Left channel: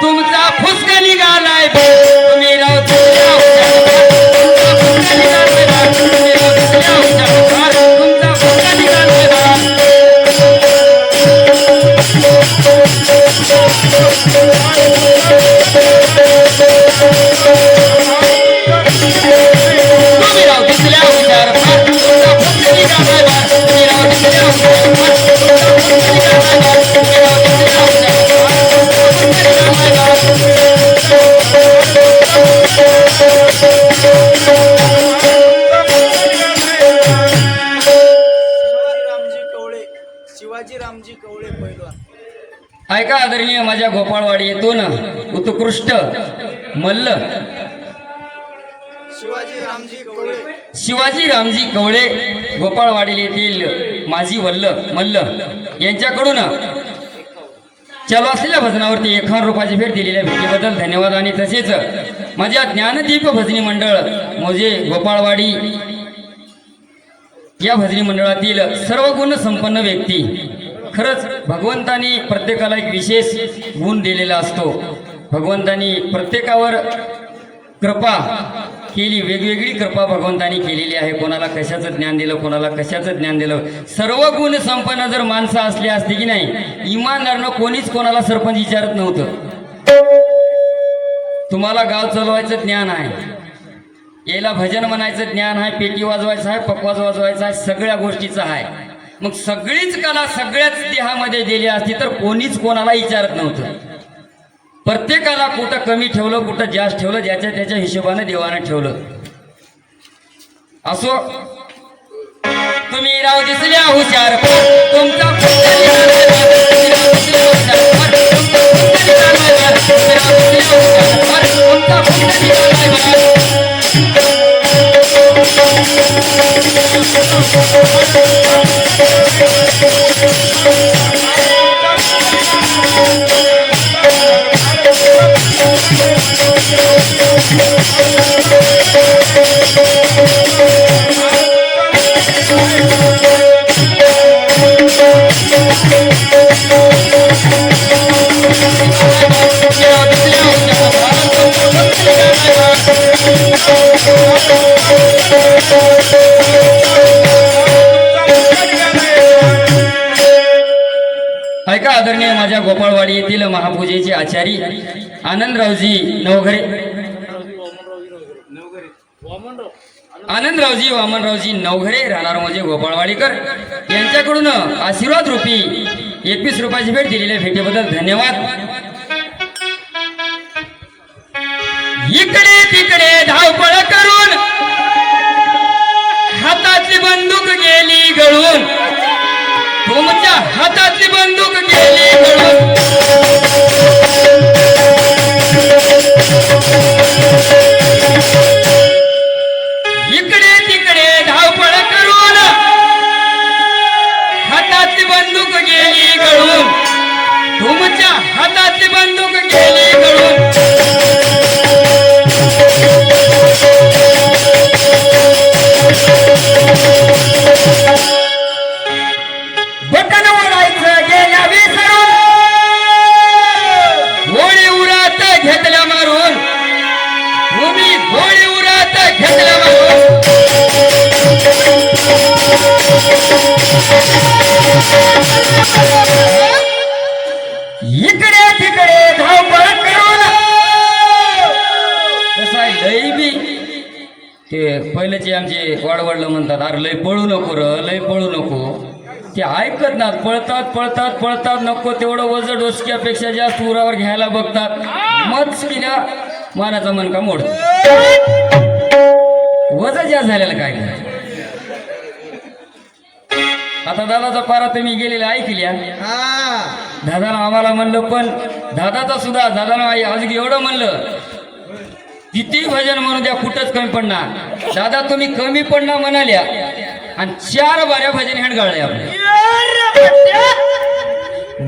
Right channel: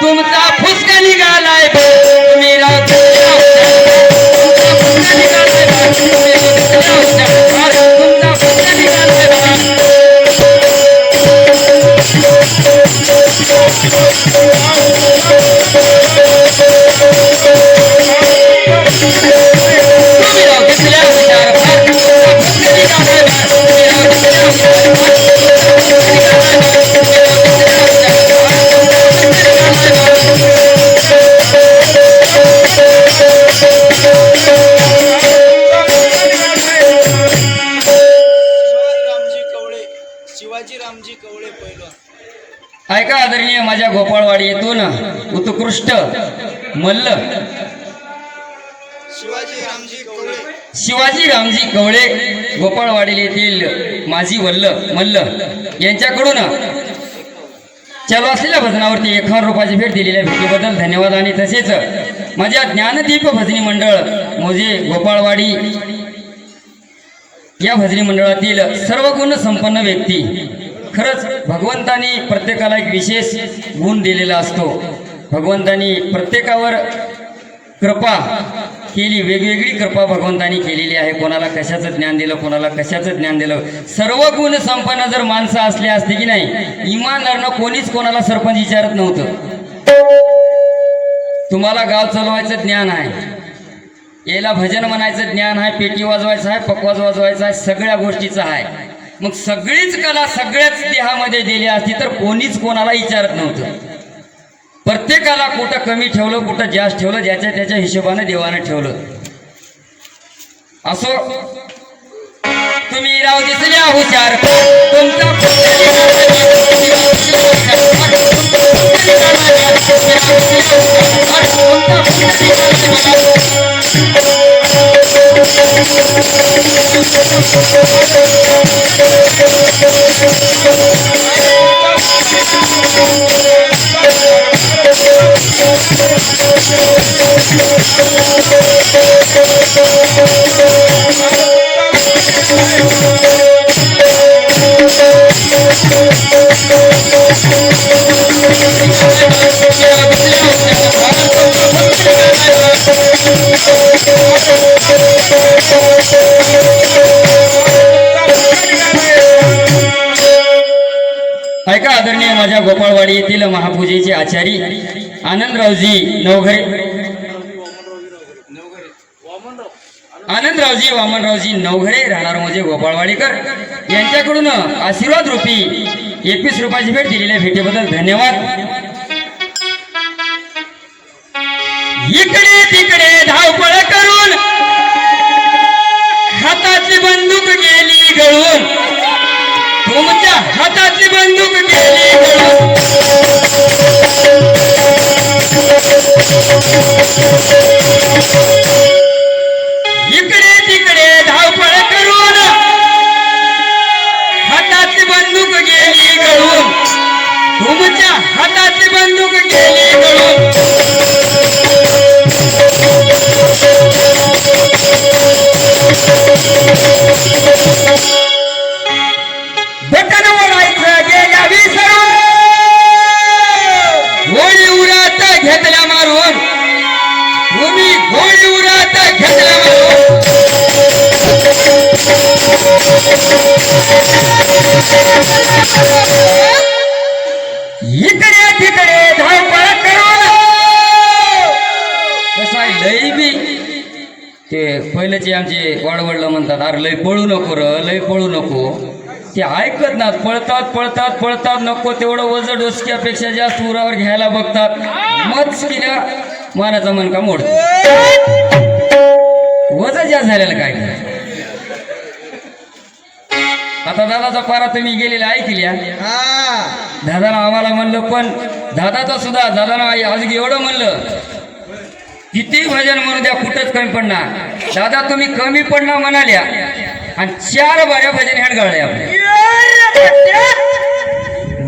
तुमचा फुसका निघालाय तुम्ही राव तुमचा फुसका निघालाय तुम्ही राव तुमचा फुसका निघालाय तुम्ही राव दिसल्या हुशार तुमचा फुसका निघालाय तुम्ही राव शिवाजी कवळे पैलवान. ऐका आदरणीय माझ्या गोपाळवाडी येथून उत्कृष्ट मल्ल शिवाजी रामजी कवळे गोपाळवाडी येथील माझी मल्ल यांच्याकडून चालू असलेल्या भजनावरती 51 रुपयाची भेट दिलेल्या भेटीबद्दल धन्यवाद. आणि तसेच माझ्या ज्ञानदीप भजनी मंडळ मोजे गोपाळवाडी या भजनी मंडळातील सर्व गुण संपन्न व्यक्ती, खरंच भगवंतानी प्रत्येकाला एक विशेष गुण दिलेला असतो. भगवंतानी प्रत्येकावर कृपा केली, वेगवेगळी कृपा भगवंतानी केलेली आहे. कोणाला कशाचं ज्ञान दिलं, कोणाला कशाचं ज्ञान दिलं. सर्व गुण संपन्न जर माणसं असली असते की नाही, इमानदारनं कोणीच कोणाला सरपंच विचारत नव्हतं. तुम्हाला गाव चालवायचं ज्ञान आहे, याला भजन म्हणायचं ज्ञान आहे, पेटी वाजवायचं आहे, पकवाज वाजवायचा आहे, सगळ्या गोष्टीचं आहे. मग सगळीच कला सगळ्याच देहामध्ये दिली असती तर कोणीच कोणाला विचारत नव्हतं. प्रत्येकाला कुठं कमी ठेवलं, कुठं जास्त ठेवलं, ज्याच्या त्याच्या हिशोबाने देवाने ठेवलं. असो तुम्ही राव दिसल्या हुशार तुमचा ऐका आदरणीय माझ्या गोपाळवाडी येथील महापूजेचे आचारी आनंदरावजी वामनरावजी नवघरे राहणार म्हणजे गोपाळवाडीकर यांच्याकडून आशीर्वाद रूपी 21 रुपयाची भेट दिलेल्या भेटीबद्दल धन्यवाद. इकडे तिकडे धावपळ करून हातातली बंदूक गेली गळून, तुमच्या हातातली बंदूक गेली गळून. इकडे तिकडे धावपळ करून हातातली बंदूक गेली गळून, तुमच्या हातातली बंदूक गेली गळून. बटन ओढायचं गेल्या विसरून, गोळी उरात घेतल्या मारून, तुम्ही गोळी उरात घेतल्या मारून. इकडे तिकडे धावपळ करून कसं आहे लय बी ते पहिलेचे आमचे वडवडलं म्हणतात, अरे लय पळू नको र, लय पळू नको. ते ऐकत नात, पळतात नको तेवढं वजन डोसक्यापेक्षा जास्त उरावर घ्यायला बघतात. मत केल्या मानाचा मनका मोड, वजन जास्त झालेलं काय. आता दादाचा पारा तुम्ही गेलेला ऐकल्या, दादाला आम्हाला म्हणलं, पण दादाला आज एवढं म्हणलं किती भजन म्हणून द्या कुठंच कमी पडणार. दादा तुम्ही कमी पडणार म्हणाल्या आणि 4 बाऱ्या भजन हँड गाळले आपले.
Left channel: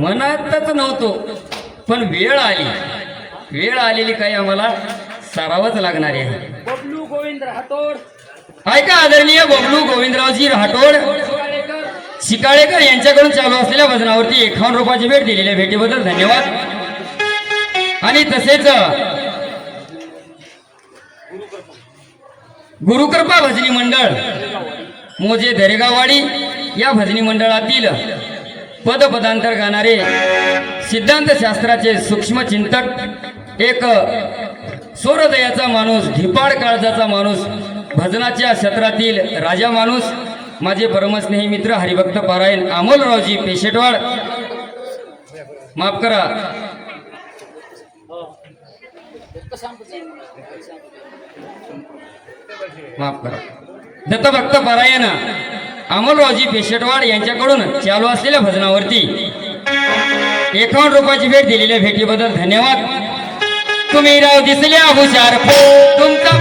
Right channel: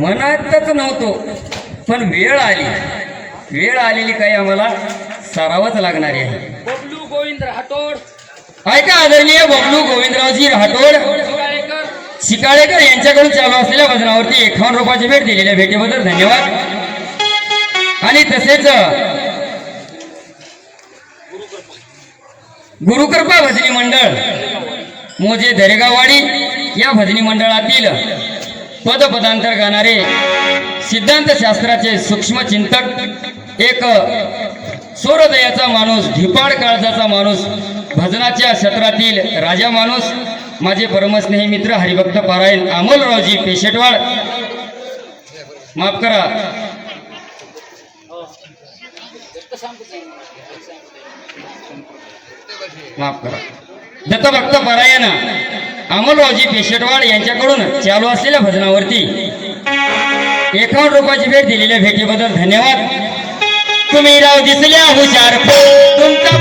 मनातच नव्हतो, पण वेळ आलेली काही आम्हाला सारावंच लागणार आहे. बबलू गोविंद राठोड, ऐका आदरणीय बबलू गोविंदरावजी राठोड शिकाळेकर यांच्याकडून चालू असलेल्या भजनावरती 51 रुपयाची भेट दिलेल्या भेटीबद्दल धन्यवाद. आणि तसेच गुरुकृपा भजनी मंडळ मोजे दरेगाववाडी या भजनी मंडळातील पदपदांतर गाणारे सिद्धांत शास्त्राचे सूक्ष्म चिंतक, एक सूर्योदयाचा माणूस, धिपाड काळजाचा माणूस, भजनाच्या क्षेत्रातील राजा माणूस, माझे परमस्नेही मित्र हरिभक्त पारायण अमोलरावजी पेशेटवाड, माफ करा, माफ करा, दत्तभक्त पारायण अमोलरावजी पेशेटवाड यांच्याकडून चालू असलेल्या भजनावरती 51 रुपयाची भेट दिलेल्या भेटीबद्दल धन्यवाद. तुम्ही राव दिसल्या हुशार, तुमचा